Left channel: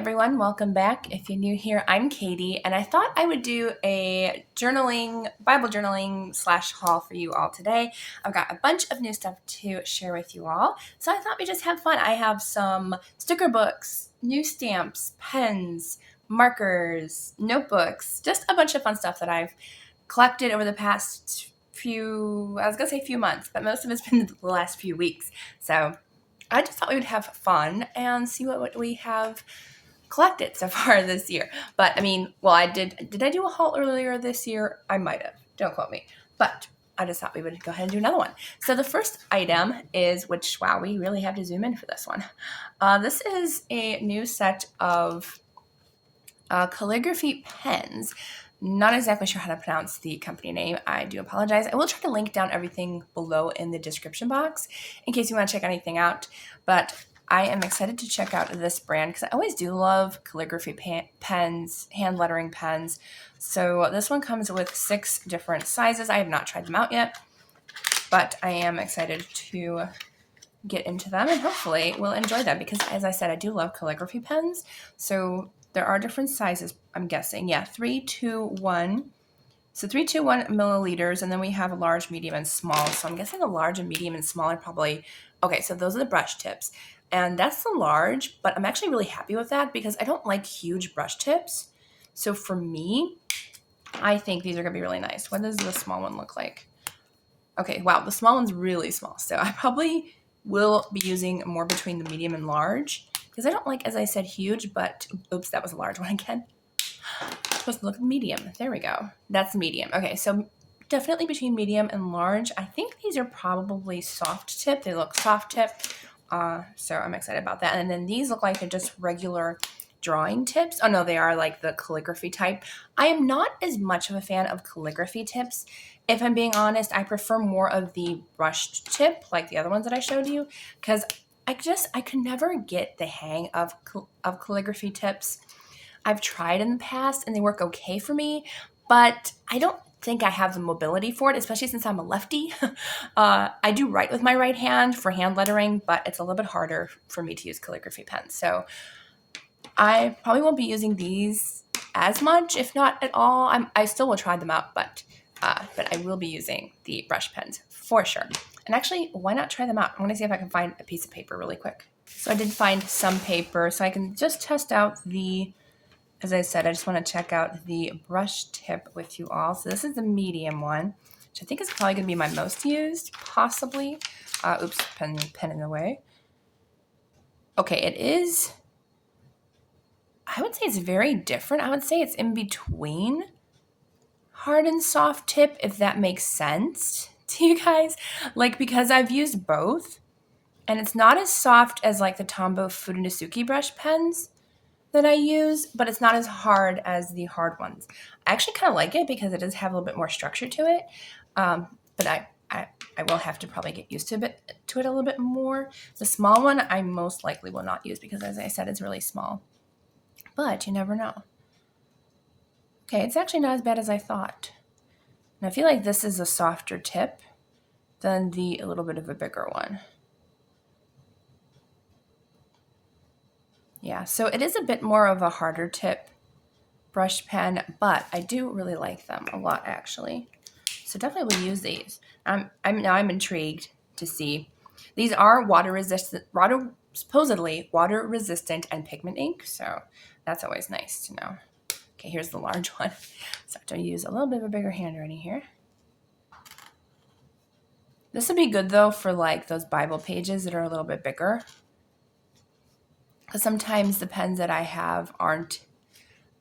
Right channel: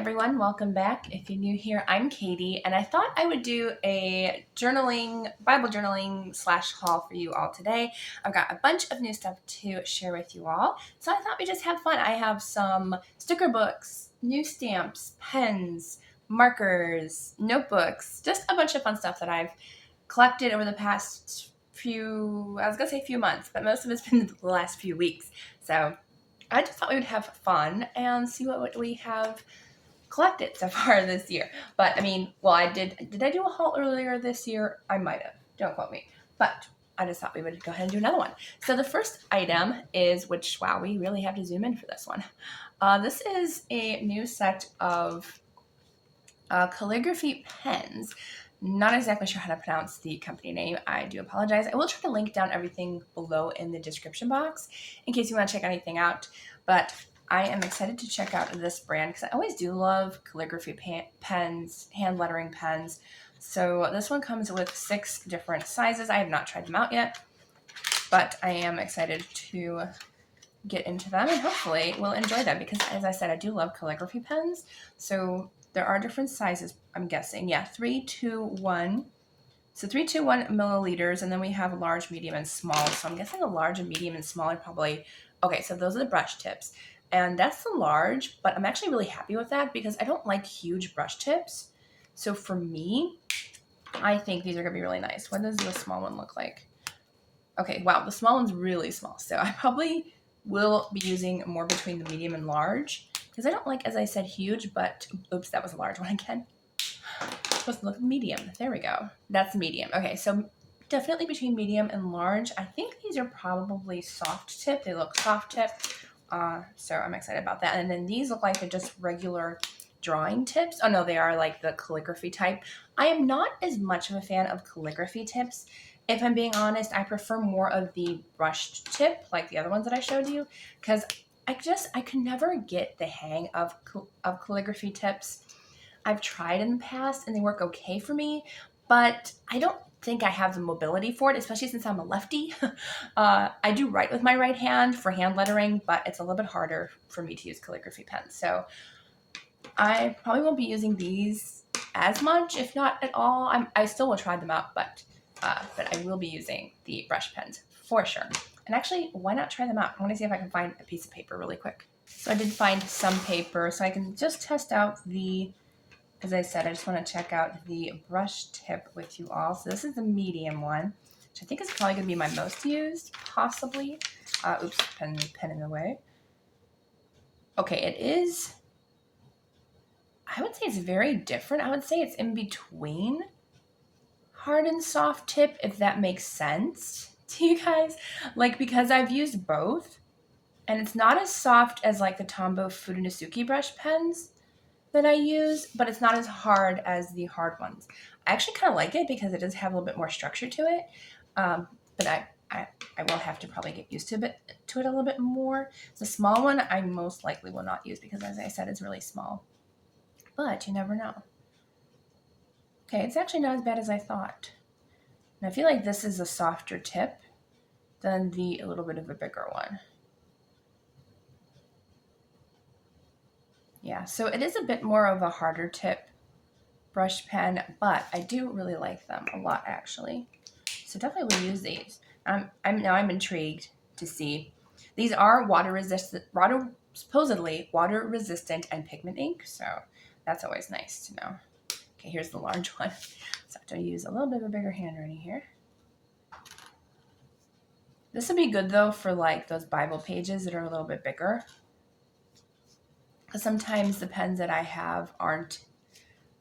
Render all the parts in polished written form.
everyone, welcome back. If you're new here, I'm Katie, and I thought I would do a Bible journaling / haul for you all today. I've got a bunch of new stuff to share with you all, so I thought we'd just have fun. I have some sticker books, new stamps, pens, markers, notebooks, just a bunch of fun stuff that I've collected over the past few months, but most of it's been the last few weeks. So I just thought we would have fun and see what we have collected so far this year. But I mean, well, I did I do a haul earlier this year? I might have. Don't quote me. But I just thought we would go ahead and do another one. So the first item is, wow, we really have to zoom in for this one. This is a new set of calligraphy pens. Not exactly sure how to pronounce the company name. I do apologize. I will try to link down everything below in the description box in case you want to check anything out. But I am excited to check out this brand because I always do love calligraphy pens, hand lettering pens. So this one comes with 6 different sizes. I have not tried them out yet, but I am excited to get into them and hopefully we'll enjoy them because, as I said, I do love calligraphy pens. So there are different sizes, I'm guessing. Yeah, 3, 2, 1. So 3, 2, 1 milliliters, and then we have a large, medium, and small. So I'm guessing a large and medium and small are probably, okay, so those are the brush tips. And that's the large, but I'm actually really happy with that because I don't like huge brush tips. So for me, I think these are gonna be really nice. What does the small one look like? Okay, wow, the small one's really small. So I probably will be using more between the medium and large because I don't like, as I said, huge, but oops, that was a large one again. I'm supposed to look medium. There we go. That's medium. Okay, so definitely between medium and large. I think these are probably soft tip. They look soft tip. So I'm excited about that. And then these look like they're just regular drawing tips. Oh no, they are like the calligraphy type. I am not as much of a fan of calligraphy tips. If I'm being honest, I prefer more of the brushed tip, like the other ones that I showed you, because I could never get the hang of calligraphy tips. I've tried in the past and they work okay for me, but I don't think I have the mobility for it, especially since I'm a lefty. I do write with my right hand for hand lettering, but it's a little bit harder for me to use calligraphy pens. So I probably won't be using these as much, if not at all. I still will try them out, but I will be using the brush pens for sure. And actually, why not try them out? I want to see if I can find a piece of paper really quick. So I did find some paper, so I can just test out as I said, I just want to check out the brush tip with you all. So this is the medium one, which I think is probably going to be my most used, possibly. Oops, pen in the way. Okay, it is, I would say it's very different. I would say it's in between hard and soft tip, if that makes sense to you guys. Like, because I've used both, and it's not as soft as like the Tombow Fudenosuke brush pens that I use, but it's not as hard as the hard ones. I actually kind of like it because it does have a little bit more structure to it, but I will have to probably get used to it a little bit more. The small one I most likely will not use because, as I said, it's really small, but you never know. Okay, it's actually not as bad as I thought. And I feel like this is a softer tip than a little bit of a bigger one. Yeah, so it is a bit more of a harder tip brush pen, but I do really like them a lot actually. So definitely will use these. I'm intrigued to see. These are supposedly water resistant and pigment ink, so that's always nice to know. Okay, here's the large one. So I have to use a little bit of a bigger handwriting here. This would be good though for like those Bible pages that are a little bit bigger. Because sometimes the pens that I have aren't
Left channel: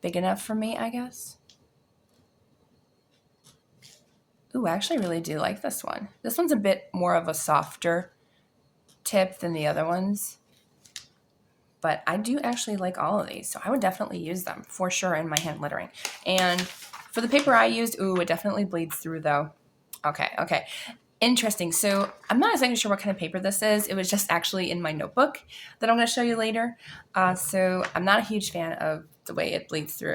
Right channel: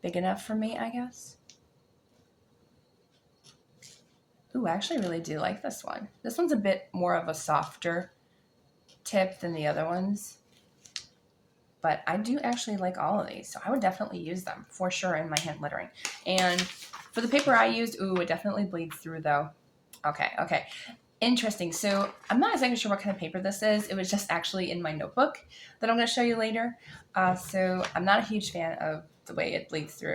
big enough for me, I guess. Ooh, I actually really do like this one. This one's a bit more of a softer tip than the other ones. But I do actually like all of these, so I would definitely use them for sure in my hand lettering. And for the paper I used, ooh, it definitely bleeds through though. Okay. Interesting. So I'm not exactly sure what kind of paper this is. It was just actually in my notebook that I'm going to show you later. So I'm not a huge fan of the way it bleeds through.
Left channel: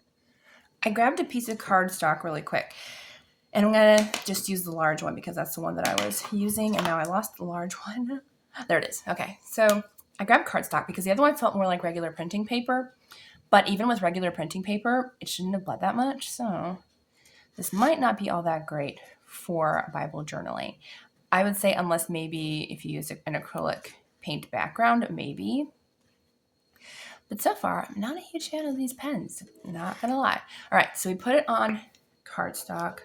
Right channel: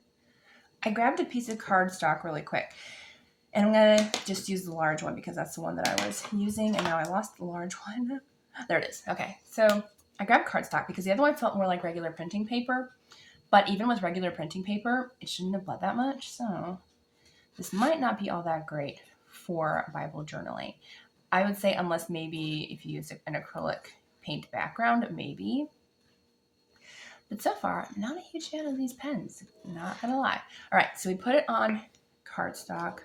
I grabbed a piece of cardstock really quick. And I'm going to just use the large one because that's the one that I was using. And now I lost the large one. There it is. Okay. So I grabbed cardstock because the other one felt more like regular printing paper. But even with regular printing paper, it shouldn't have bled that much. So this might not be all that great for Bible journaling. I would say unless maybe if you use an acrylic paint background, maybe. But so far, I'm not a huge fan of these pens. Not gonna lie. All right, so we put it on cardstock.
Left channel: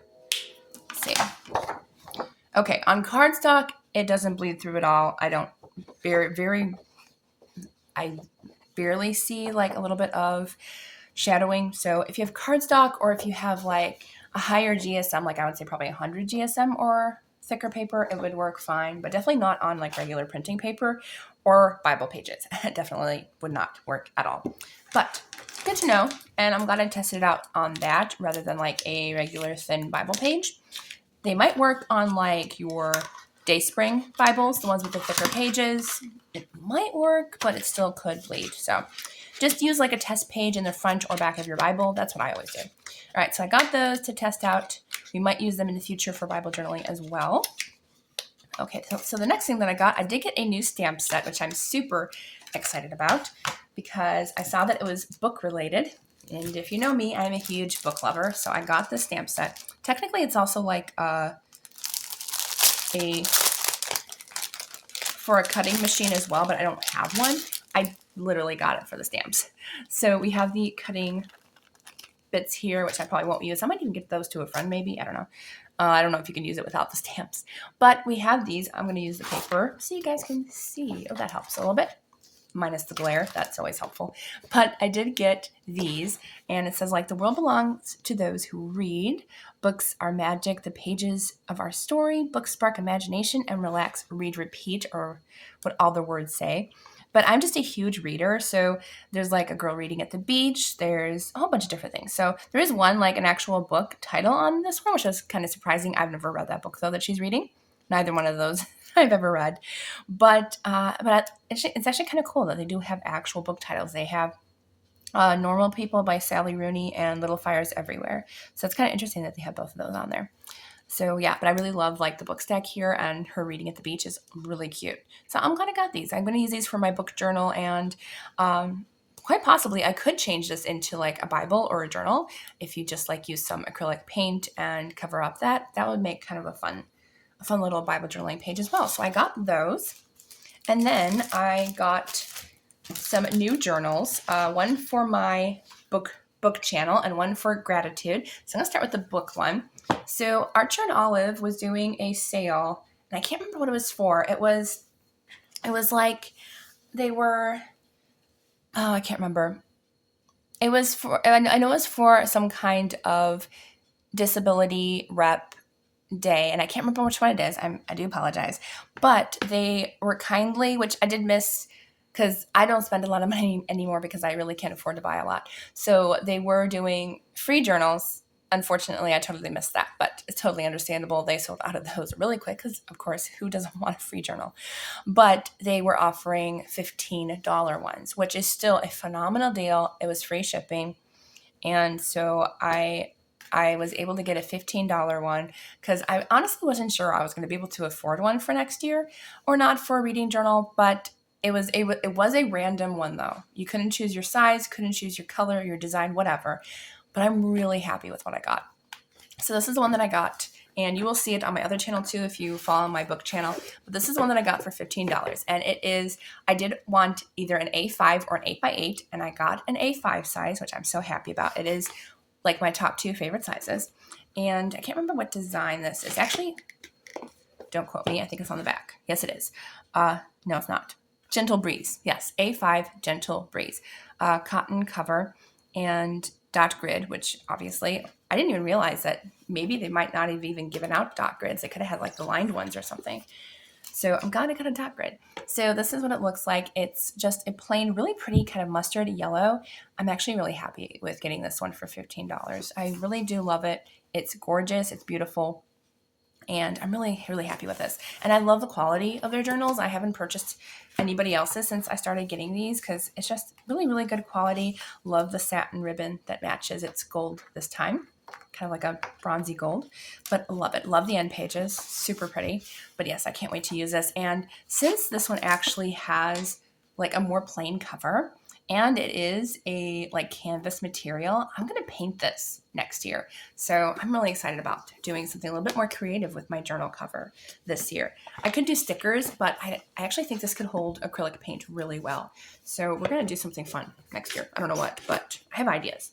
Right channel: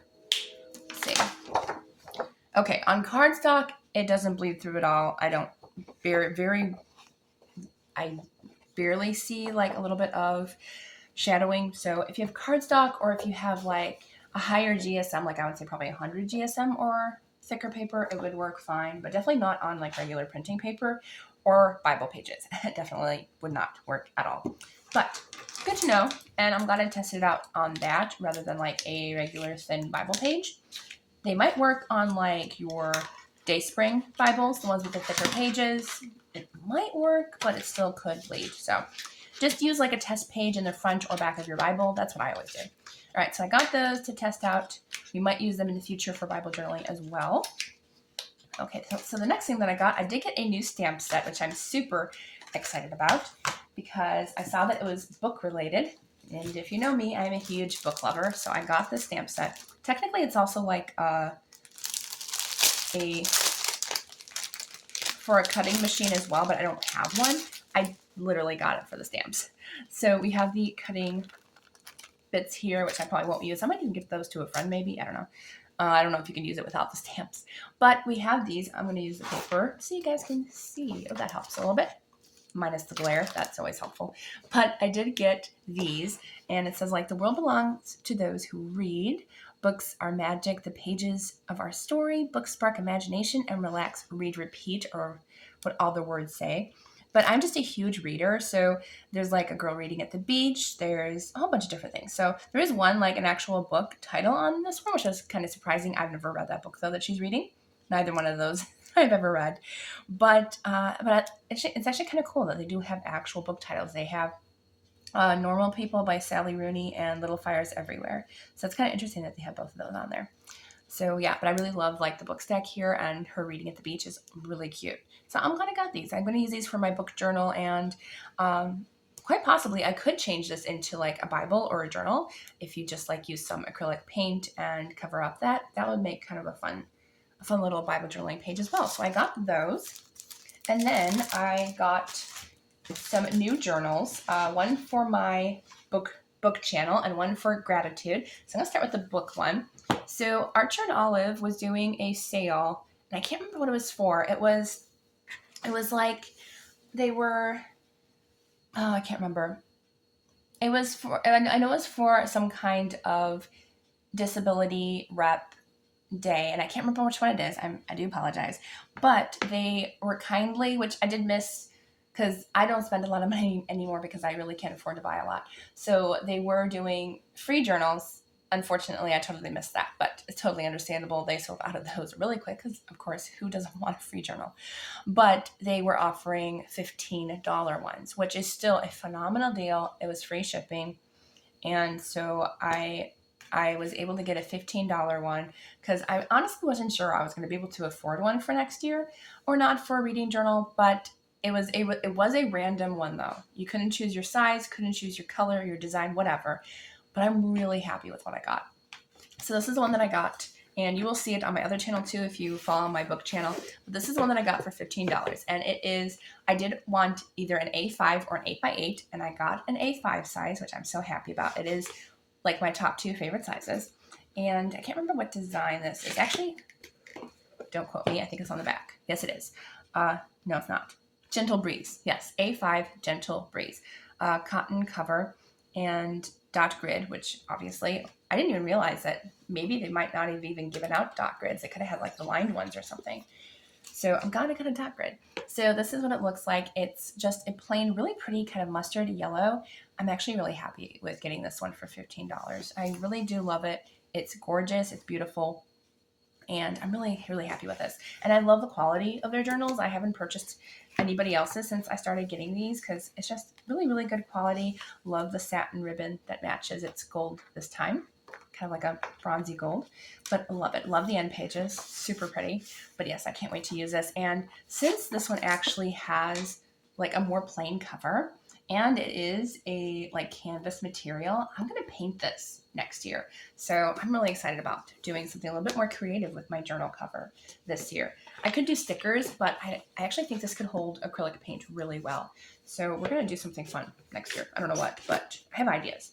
Let's see. Okay, on cardstock, it doesn't bleed through at all. I barely see like a little bit of shadowing. So if you have cardstock or if you have like a higher GSM, like I would say probably 100 GSM or thicker paper, it would work fine, but definitely not on like regular printing paper or Bible pages. It definitely would not work at all. But good to know, and I'm glad I tested it out on that rather than like a regular thin Bible page. They might work on like your Dayspring Bibles, the ones with the thicker pages. It might work, but it still could bleed. So just use like a test page in the front or back of your Bible. That's what I always do. All right, so I got those to test out. We might use them in the future for Bible journaling as well. Okay, so the next thing that I did get a new stamp set, which I'm super excited about because I saw that it was book related. And if you know me, I'm a huge book lover, so I got the stamp set. Technically, it's also like for a cutting machine as well, but I don't have one. I literally got it for the stamps. So we have the cutting bits here, which I probably won't use. I might even give those to a friend maybe. I don't know. I don't know if you can use it without the stamps. But we have these. I'm going to use the paper so you guys can see. Oh, that helps a little bit. Minus the glare. That's always helpful. But I did get these, and it says, like, the world belongs to those who read. Books are magic, the pages of our story. Books spark imagination and relax, read, repeat, or what all the words say. But I'm just a huge reader, so there's like a girl reading at the beach. There's a whole bunch of different things. So there is one, like an actual book title on this one, which is kind of surprising. I've never read that book, though, that she's reading. Neither one of those I've ever read. But it's actually kind of cool that they do have actual book titles. They have Normal People by Sally Rooney and Little Fires Everywhere. So it's kind of interesting that they have both of those on there. So yeah, but I really love like the book stack here, and her reading at the beach is really cute. So I'm glad I got these. I'm going to use these for my book journal, and quite possibly I could change this into like a Bible or a journal if you just like use some acrylic paint and cover up that. That would make kind of a fun little Bible journaling page as well. So I got those, and then I got some new journals, one for my book channel and one for gratitude. So I'm gonna start with the book one. So Archer and Olive was doing a sale, and I can't remember what it was for. It was like they were, oh, I can't remember. It was for, I know it was for some kind of disability rep day, and I can't remember which one it is. I do apologize. But they were kindly, which I did miss because I don't spend a lot of money anymore because I really can't afford to buy a lot. So they were doing free journals. Unfortunately, I totally missed that, but it's totally understandable. They sold out of those really quick because, of course, who doesn't want a free journal? But they were offering $15 ones, which is still a phenomenal deal. It was free shipping. And so I was able to get a $15 one because I honestly wasn't sure I was going to be able to afford one for next year or not for a reading journal, but it was a random one though. You couldn't choose your size, couldn't choose your color, your design, whatever. But I'm really happy with what I got. So this is the one that I got, and you will see it on my other channel too if you follow my book channel. But this is the one that I got for $15, and it is, I did want either an A5 or an 8x8, and I got an A5 size, which I'm so happy about. It is like my top two favorite sizes, and I can't remember what design this is. Actually, don't quote me. I think it's on the back. Yes, it is. No, it's not. Gentle Breeze. Yes, A5 Gentle Breeze. Cotton cover and dot grid, which obviously I didn't even realize that maybe they might not have even given out dot grids. They could have had like the lined ones or something. So I'm glad I got a dot grid. So this is what it looks like. It's just a plain, really pretty kind of mustard yellow. I'm actually really happy with getting this one for $15. I really do love it. It's gorgeous. It's beautiful. And I'm really, really happy with this. And I love the quality of their journals. I haven't purchased anybody else's since I started getting these because it's just really, really good quality. Love the satin ribbon that matches. It's gold this time, kind of like a bronzy gold, but love it. Love the end pages. Super pretty. But yes, I can't wait to use this. And since this one actually has like a more plain cover, and it is a like canvas material. I'm going to paint this next year. So I'm really excited about doing something a little bit more creative with my journal cover this year. I could do stickers, but I actually think this could hold acrylic paint really well. So we're going to do something fun next year. I don't know what, but I have ideas.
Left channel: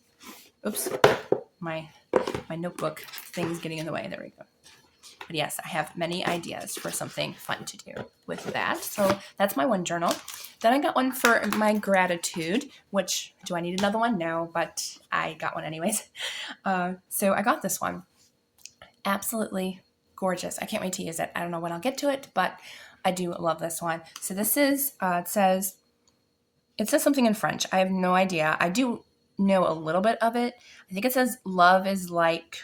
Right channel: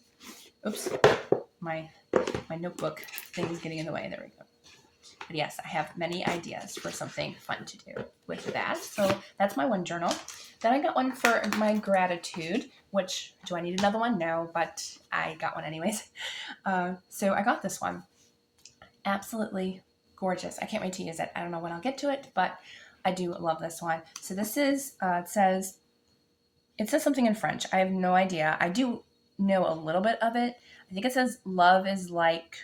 Oops, my notebook thing's getting in the way. There we go. But yes, I have many ideas for something fun to do with that. So that's my one journal. Then I got one for my gratitude, which, do I need another one? No, but I got one anyways. So I got this one. Absolutely gorgeous. I can't wait to use it. I don't know when I'll get to it, but I do love this one. So this is, it says something in French. I have no idea. I do know a little bit of it. I think it says love is like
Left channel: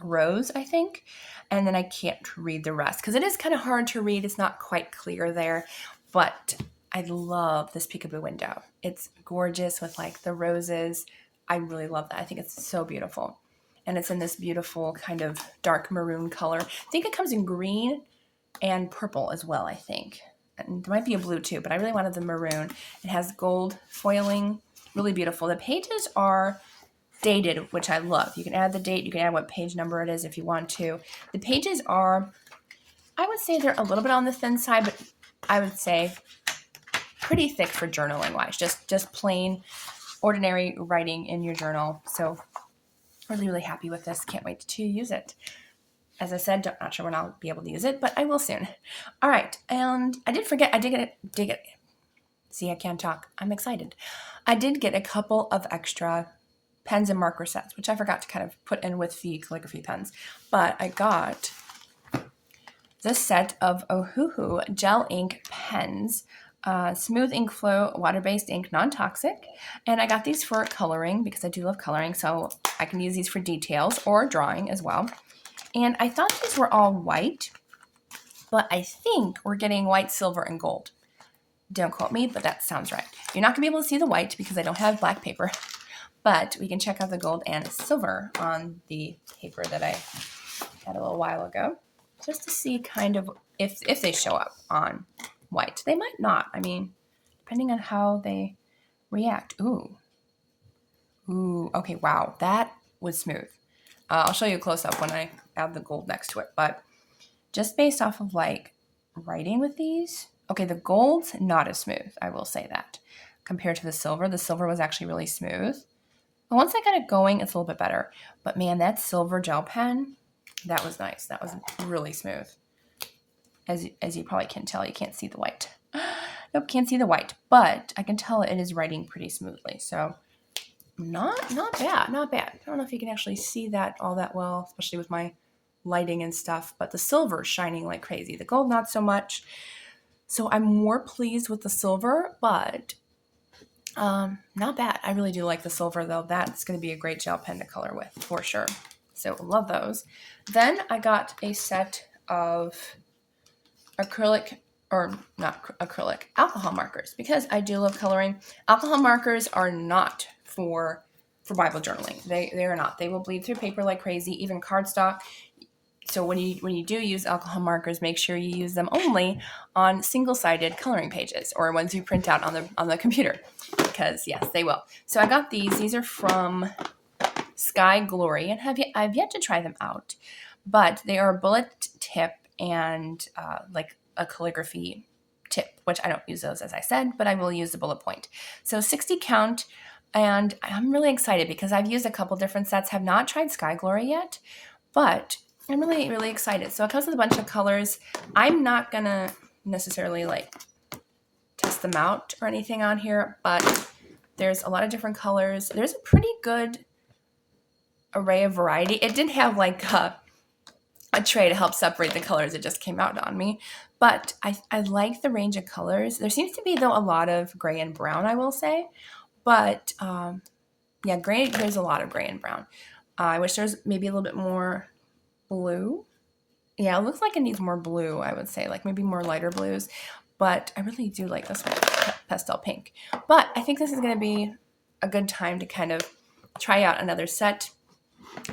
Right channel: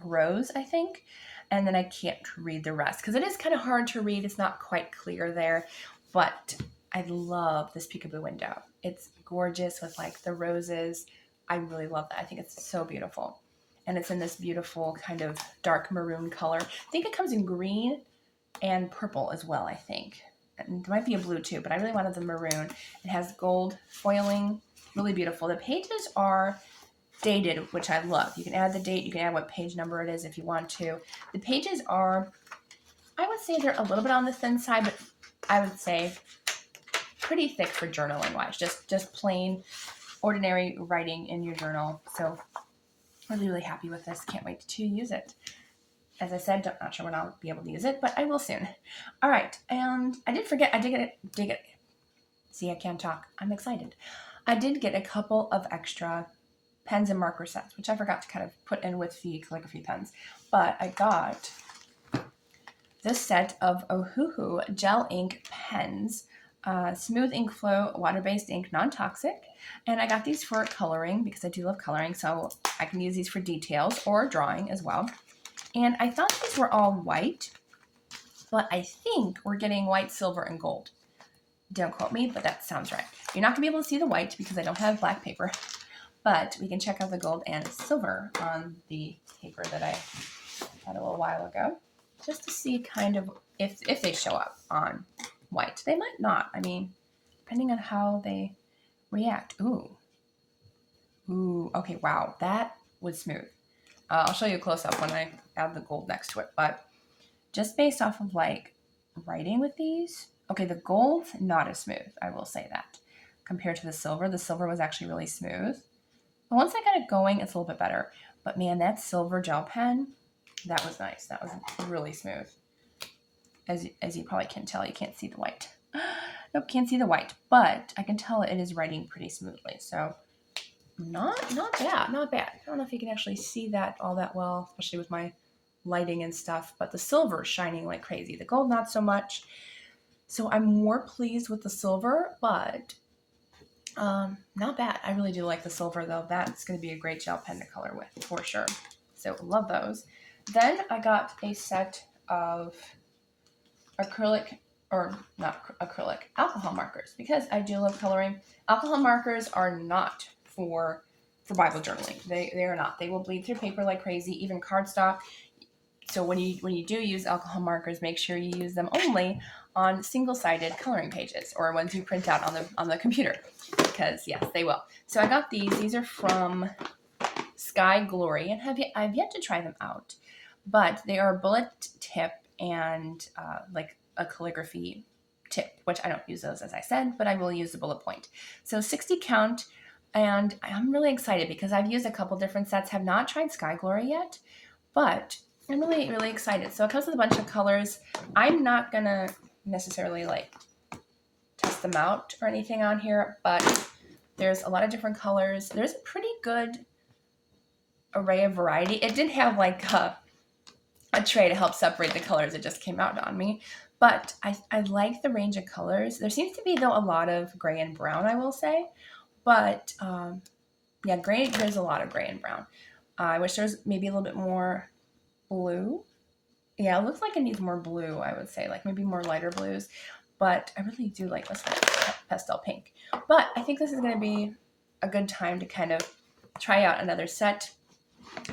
a rose, I think. And then I can't read the rest because it is kind of hard to read. It's not quite clear there, but I love this peekaboo window. It's gorgeous with like the roses. I really love that. I think it's so beautiful. And it's in this beautiful kind of dark maroon color. I think it comes in green and purple as well, I think. And there might be a blue too, but I really wanted the maroon. It has gold foiling, really beautiful. The pages are dated, which I love. You can add the date, you can add what page number it is if you want to. The pages are, I would say they're a little bit on the thin side, but I would say pretty thick for journaling wise. Just plain, ordinary writing in your journal. So really, really happy with this. Can't wait to use it. As I said, not sure when I'll be able to use it, but I will soon. All right, and I did forget, I did get it. See, I can't talk. I'm excited. I did get a couple of extra pens and marker sets, which I forgot to kind of put in with the calligraphy pens. But I got this set of Ohuhu gel ink pens, smooth ink flow, water-based ink, non-toxic. And I got these for coloring because I do love coloring, so I can use these for details or drawing as well. And I thought these were all white, but I think we're getting white, silver, and gold. Don't quote me, but that sounds right. You're not going to be able to see the white because I don't have black paper. But we can check out the gold and silver on the paper that I had a little while ago, just to see kind of if they show up on white. They might not. I mean, depending on how they react. Ooh, okay, wow, that was smooth. I'll show you a close-up when I add the gold next to it, but just based off of like writing with these, okay, the gold's not as smooth, I will say that. Compared to the silver was actually really smooth. But once I got it going, it's a little bit better. But man, that silver gel pen, that was nice. That was really smooth. As you probably can tell, you can't see the white. Nope, can't see the white. But I can tell it is writing pretty smoothly. So not bad, not bad. I don't know if you can actually see that all that well, especially with my lighting and stuff. But the silver is shining like crazy. The gold, not so much. So I'm more pleased with the silver, but not bad. I really do like the silver though. That's going to be a great gel pen to color with for sure. So love those. Then I got a set of alcohol markers because I do love coloring. Alcohol markers are not for Bible journaling. They are not. They will bleed through paper like crazy, even cardstock. So when you do use alcohol markers, make sure you use them only on single-sided coloring pages or ones you print out on the computer, because yes, they will. So I got these. These are from Sky Glory, and I've yet to try them out, but they are a bullet tip and like a calligraphy tip, which I don't use those as I said, but I will use the bullet point. So 60 count, and I'm really excited because I've used a couple different sets. Have not tried Sky Glory yet, but I'm really, really excited. So it comes with a bunch of colors. I'm not going to necessarily like test them out or anything on here, but there's a lot of different colors. There's a pretty good array of variety. It did have like a tray to help separate the colors. It just came out on me. But I like the range of colors. There seems to be, though, a lot of gray and brown, I will say. But yeah, gray, there's a lot of gray and brown. I wish there's maybe a little bit more blue. Yeah, it looks like it needs more blue, I would say, like maybe more lighter blues. But I really do like this one, pastel pink. But I think this is going to be a good time to kind of try out another set.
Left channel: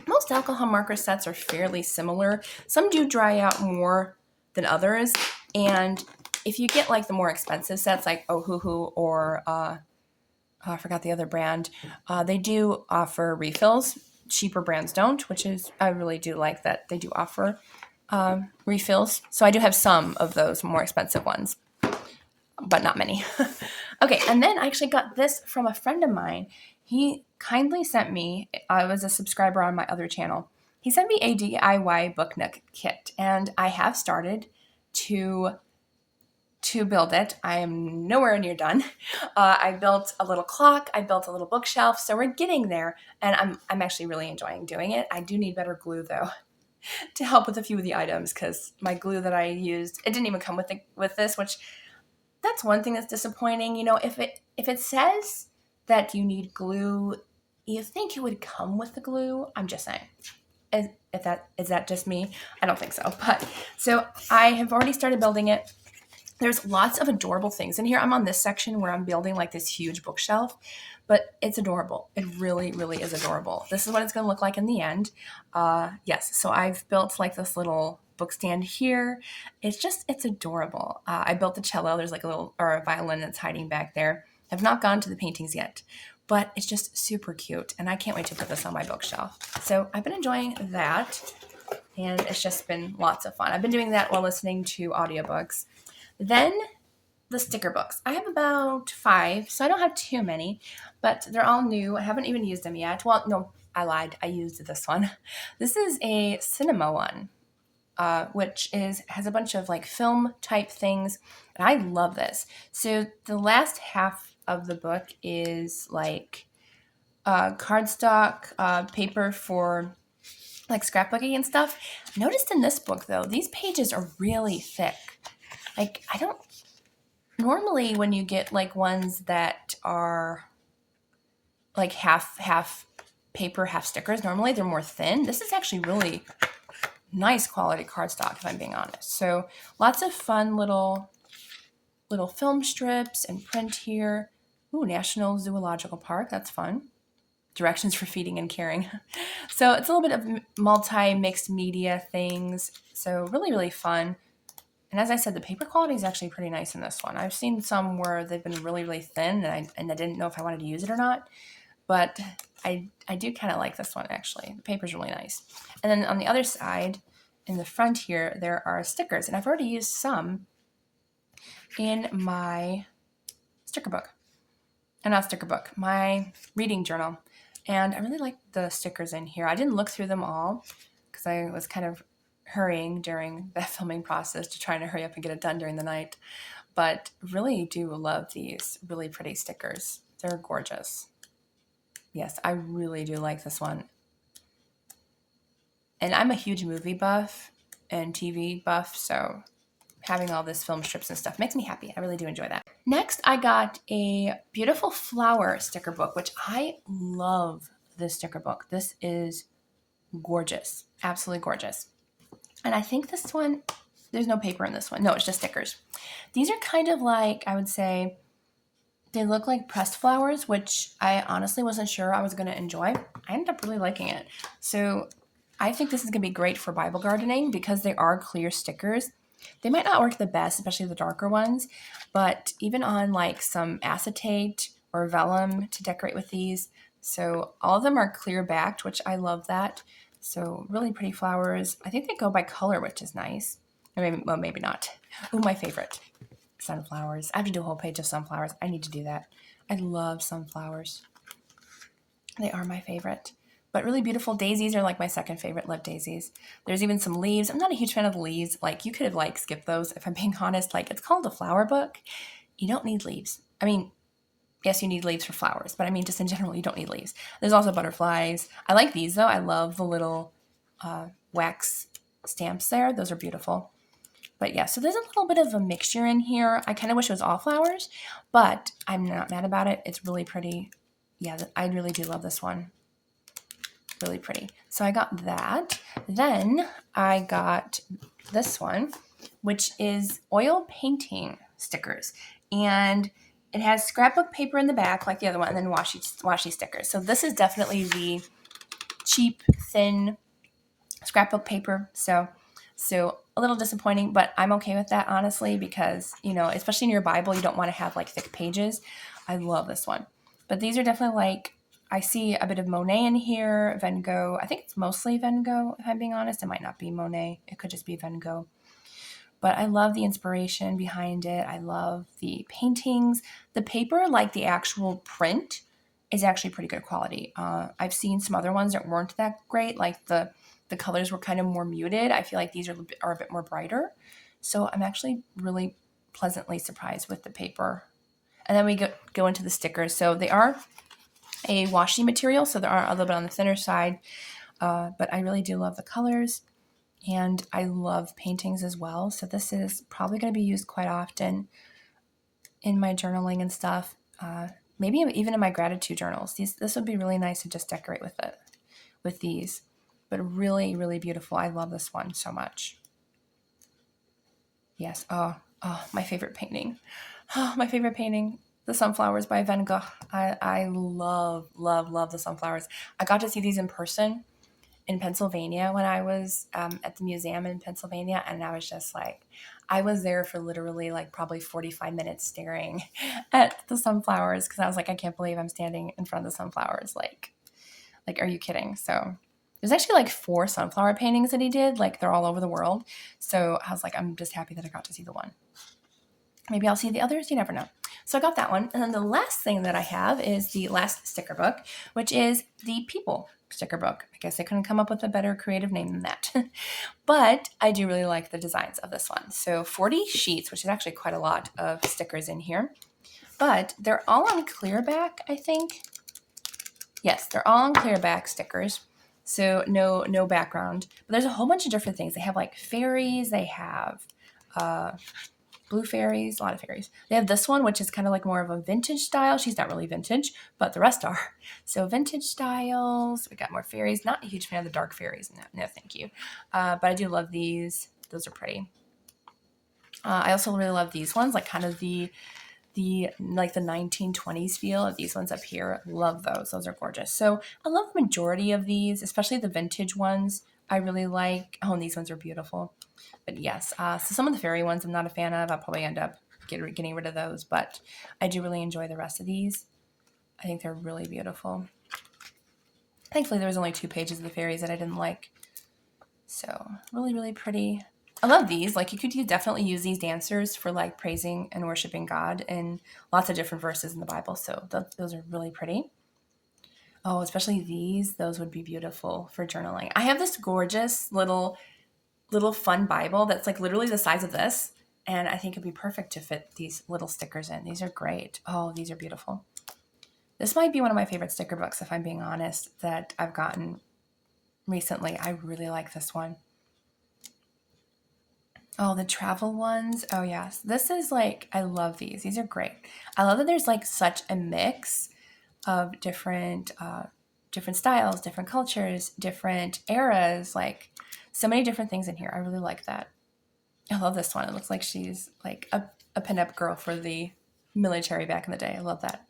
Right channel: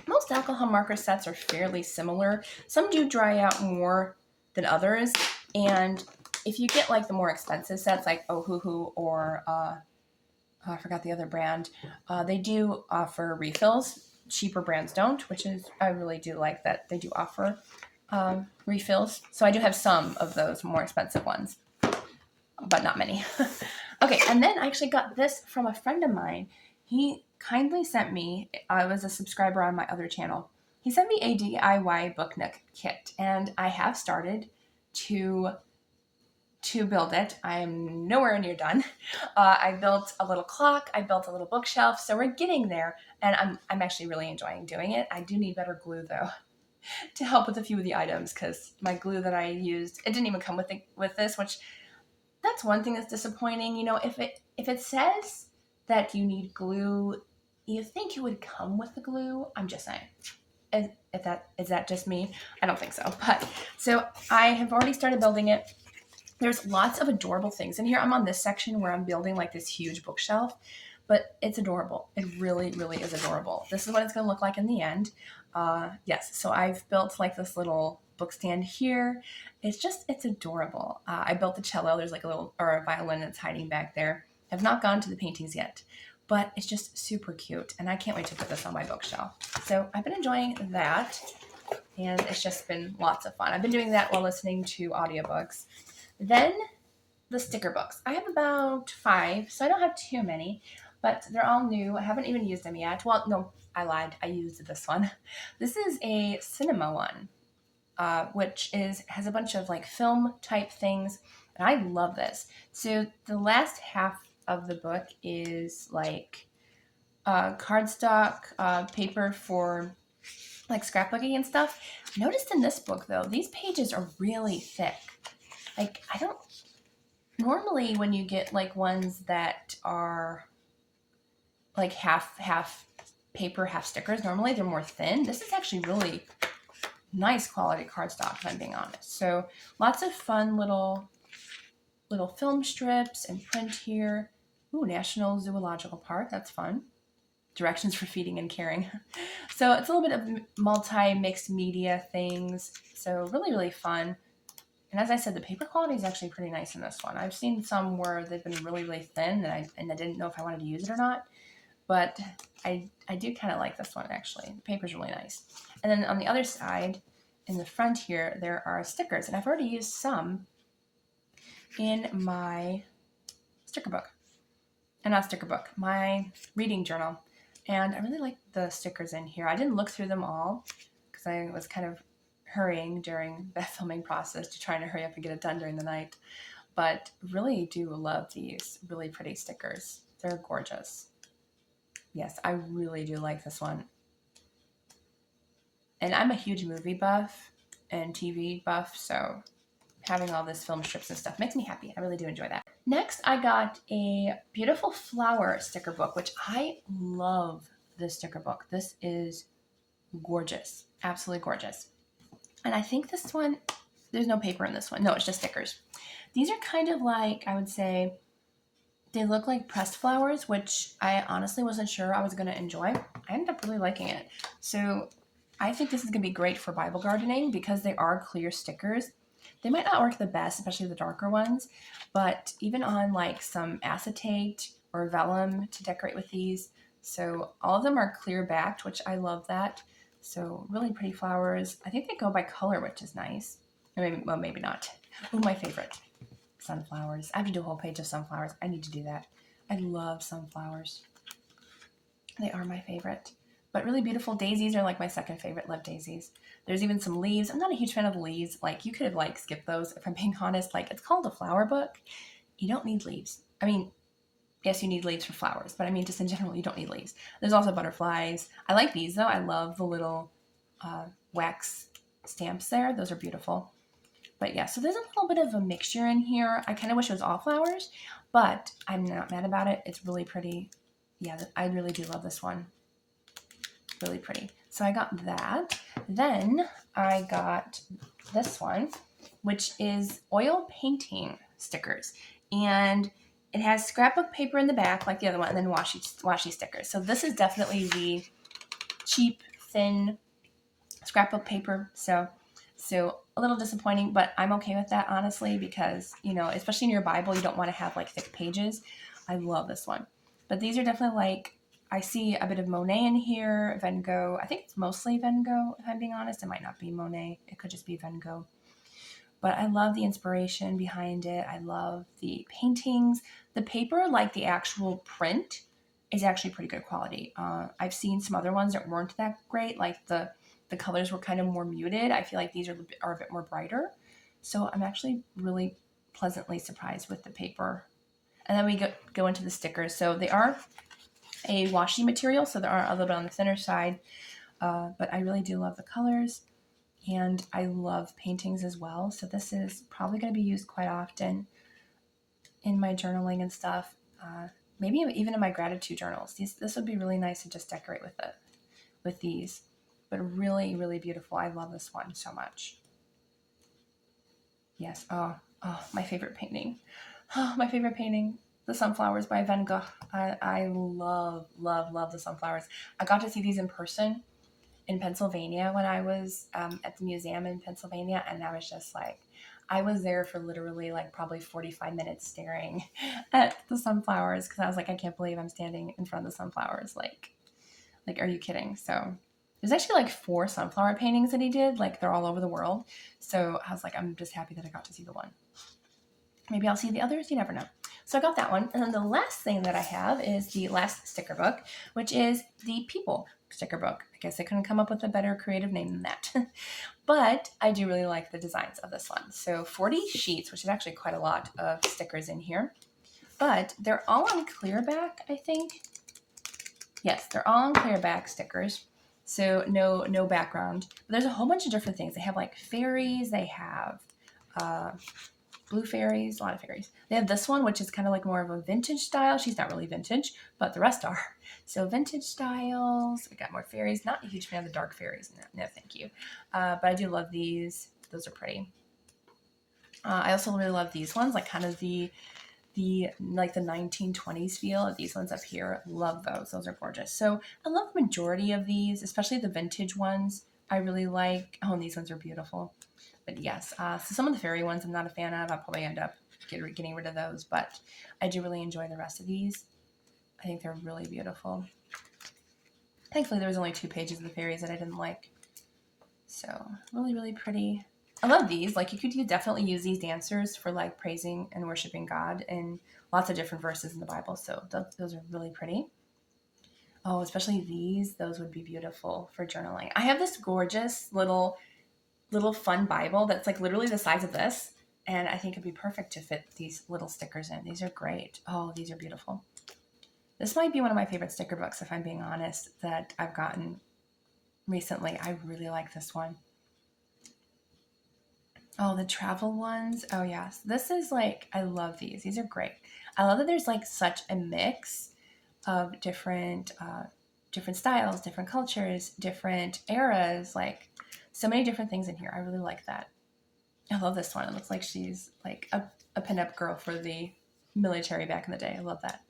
Most alcohol marker sets are fairly similar. Some do dry out more than others. And if you get like the more expensive sets like Ohuhu or I forgot the other brand. They do offer refills. Cheaper brands don't, which is, I really do like that they do offer refills. So I do have some of those more expensive ones, but not many. Okay, and then I actually got this from a friend of mine. He kindly sent me, I was a subscriber on my other channel. He sent me a DIY book nook kit, and I have started to build it. I am nowhere near done. I built a little clock. I built a little bookshelf. So we're getting there, and I'm actually really enjoying doing it. I do need better glue though to help with a few of the items because my glue that I used, it didn't even come with this, which that's one thing that's disappointing. You know, if it says that you need glue, you think it would come with the glue. I'm just saying. Is that just me? I don't think so. But so I have already started building it. There's lots of adorable things in here. I'm on this section where I'm building like this huge bookshelf, but it's adorable. It really, really is adorable. This is what it's going to look like in the end. Yes, so I've built like this little book stand here. It's adorable. I built the cello. There's like a violin that's hiding back there. I've not gone to the paintings yet, but it's just super cute. And I can't wait to put this on my bookshelf. So I've been enjoying that. And it's just been lots of fun. I've been doing that while listening to audiobooks. Then the sticker books. I have about 5, so I don't have too many, but they're all new. I haven't even used them yet. Well, no, I lied. I used this one. This is a cinema one, which has a bunch of like film type things, and I love this. So the last half of the book is like cardstock paper for like scrapbooking and stuff. I noticed in this book though, these pages are really thick. Like I don't normally when you get like ones that are like half paper, half stickers, normally they're more thin. This is actually really nice quality cardstock, if I'm being honest. So lots of fun little film strips and print here. Ooh, National Zoological Park, that's fun. Directions for feeding and caring. So it's a little bit of multi-mixed media things. So really, really fun. And as I said, the paper quality is actually pretty nice in this one. I've seen some where they've been really, really thin, and I didn't know if I wanted to use it or not. But I do kind of like this one, actually. The paper's really nice. And then on the other side, in the front here, there are stickers. And I've already used some in my sticker book. Not sticker book, my reading journal. And I really like the stickers in here. I didn't look through them all because I was kind of hurrying during the filming process to try to hurry up and get it done during the night. But really do love these really pretty stickers. They're gorgeous. Yes, I really do like this one. And I'm a huge movie buff and TV buff, so having all this film strips and stuff makes me happy. I really do enjoy that. Next, I got a beautiful flower sticker book, which I love this sticker book. This is gorgeous, absolutely gorgeous. And I think this one, there's no paper in this one. No, it's just stickers. These are kind of like, I would say, they look like pressed flowers, which I honestly wasn't sure I was going to enjoy. I ended up really liking it. So I think this is going to be great for Bible gardening because they are clear stickers. They might not work the best, especially the darker ones, but even on like some acetate or vellum to decorate with these. So all of them are clear backed, which I love that. So really pretty flowers. I think they go by color, which is nice. Or maybe, well, maybe not. Ooh, my favorite, sunflowers. I have to do a whole page of sunflowers. I need to do that. I love sunflowers. They are my favorite. But really beautiful daisies are like my second favorite, love daisies. There's even some leaves. I'm not a huge fan of the leaves. Like you could have like skipped those if I'm being honest. Like it's called a flower book. You don't need leaves. I mean, yes, you need leaves for flowers, but I mean, just in general, you don't need leaves. There's also butterflies. I like these though. I love the little wax stamps there. Those are beautiful. But yeah, so there's a little bit of a mixture in here. I kind of wish it was all flowers, but I'm not mad about it. It's really pretty. Yeah, I really do love this one. Really pretty. So I got that. Then I got this one, which is oil painting stickers. And it has scrapbook paper in the back like the other one, and then washi stickers. So this is definitely the cheap, thin scrapbook paper. So a little disappointing, but I'm okay with that, honestly, because, you know, especially in your Bible, you don't want to have like thick pages. I love this one. But these are definitely like, I see a bit of Monet in here, Van Gogh. I think it's mostly Van Gogh, if I'm being honest. It might not be Monet. It could just be Van Gogh. But I love the inspiration behind it. I love the paintings. The paper, like the actual print, is actually pretty good quality. I've seen some other ones that weren't that great. Like the colors were kind of more muted. I feel like these are a bit more brighter. So I'm actually really pleasantly surprised with the paper. And then we go into the stickers. So they are a washi material, so they are a little bit on the thinner side. But I really do love the colors. And I love paintings as well. So this is probably going to be used quite often in my journaling and stuff. Maybe even in my gratitude journals. This would be really nice to just decorate with these. But really, really beautiful. I love this one so much. Yes. Oh, my favorite painting. Oh, my favorite painting. The Sunflowers by Van Gogh. I love, love, love the sunflowers. I got to see these in person in Pennsylvania when I was at the museum in Pennsylvania, and I was just like, I was there for literally like probably 45 minutes staring at the sunflowers because I was like, I can't believe I'm standing in front of the sunflowers. Like, are you kidding? So there's actually like 4 sunflower paintings that he did. Like they're all over the world. So I was like, I'm just happy that I got to see the one. Maybe I'll see the others. You never know. So I got that one. And then the last thing that I have is the last sticker book, which is the People sticker book. I guess I couldn't come up with a better creative name than that. But I do really like the designs of this one. So 40 sheets, which is actually quite a lot of stickers in here. But they're all on clear back, I think. Yes, they're all on clear back stickers. So no background. But there's a whole bunch of different things. They have like fairies. They have blue fairies, a lot of fairies. They have this one, which is kind of like more of a vintage style. She's not really vintage, but the rest are. So vintage styles. We got more fairies. Not a huge fan of the dark fairies. No thank you. But I do love these. Those are pretty. I also really love these ones, like kind of the like the 1920s feel of these ones up here. Love those. Those are gorgeous. So I love the majority of these, especially the vintage ones. I really like. Oh, and these ones are beautiful. But yes, so some of the fairy ones I'm not a fan of. I'll probably end up getting rid of those, but I do really enjoy the rest of these. I think they're really beautiful. Thankfully, there was only 2 pages of the fairies that I didn't like. So really, really pretty. I love these. Like you could definitely use these dancers for like praising and worshiping God in lots of different verses in the Bible. So those are really pretty. Oh, especially these. Those would be beautiful for journaling. I have this gorgeous little fun Bible that's like literally the size of this. And I think it'd be perfect to fit these little stickers in. These are great. Oh, these are beautiful. This might be one of my favorite sticker books, if I'm being honest, that I've gotten recently. I really like this one. Oh, the travel ones. Oh, yes. This is like, I love these. These are great. I love that there's like such a mix of different styles, different cultures, different eras, like so many different things in here. I really like that. I love this one. It looks like she's like a pinup girl for the military back in the day. I love that.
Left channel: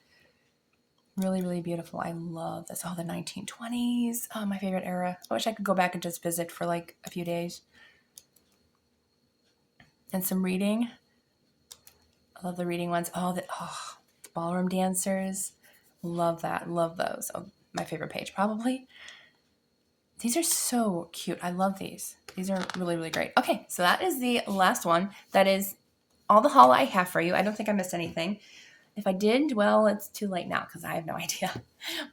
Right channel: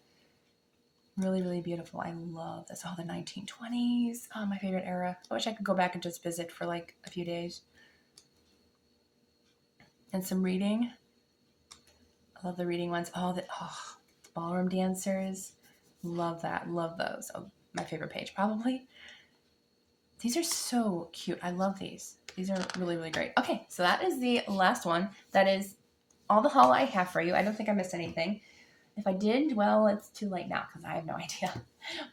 Really, really beautiful. I love this. Oh, the 1920s. Oh, my favorite era. I wish I could go back and just visit for like a few days. And some reading. I love the reading ones. Oh, ballroom dancers. Love that. Love those. Oh, my favorite page, probably. These are so cute. I love these. These are really, really great. Okay, so that is the last one. That is all the haul I have for you. I don't think I missed anything. If I did, well, it's too late now because I have no idea.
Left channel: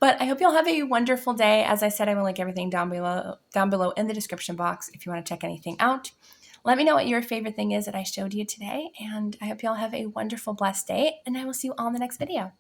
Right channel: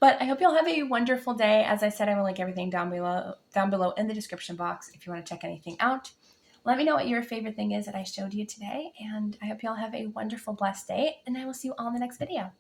But I hope you'll have a wonderful day. As I said, I will link everything down below in the description box if you want to check anything out. Let me know what your favorite thing is that I showed you today, and I hope you all have a wonderful, blessed day, and I will see you all in the next video.